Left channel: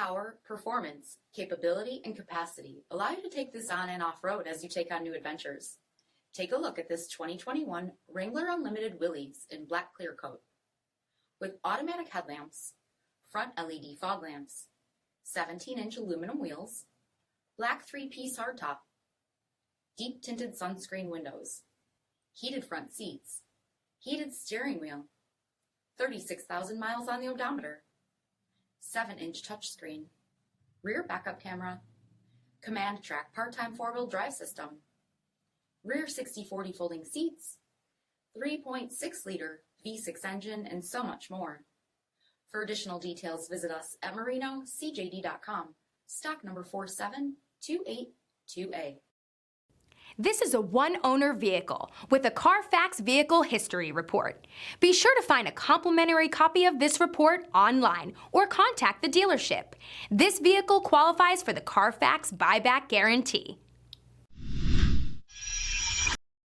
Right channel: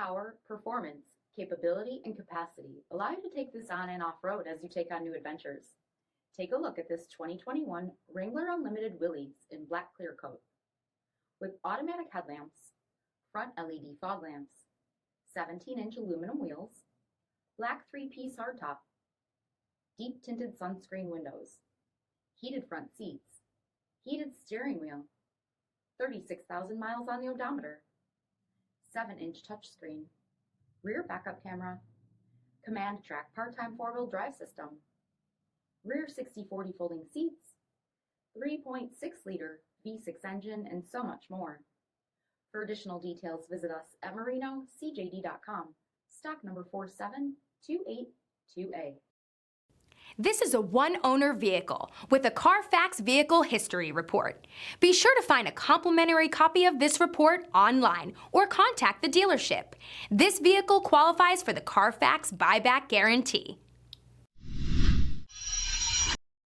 power, performance, capability, and capacity allow you to take this on and off-road as you take on new adventures. Take a look at this 2021 Wrangler Unlimited Willys in black clear coat. With automatic headlamps, front LED fog lamps, 17-inch aluminum wheels, black 3-piece hardtop, deep tinted sunscreen windows, heated front seats, heated steering wheel, 36,000 miles on the odometer, 7-inch touchscreen, rear backup camera, command track part-time 4-wheel drive system, rear 60/40 folding seats, 3.6-liter V6 engine, and so much more. For additional details, visit us at marinocjd.com, stock number 472828A. This is a one-owner vehicle with a CARFAX Vehicle History Report. Be sure to find a complimentary copy of this report online or contact the dealership. This vehicle qualifies for the CARFAX Buyback Guarantee.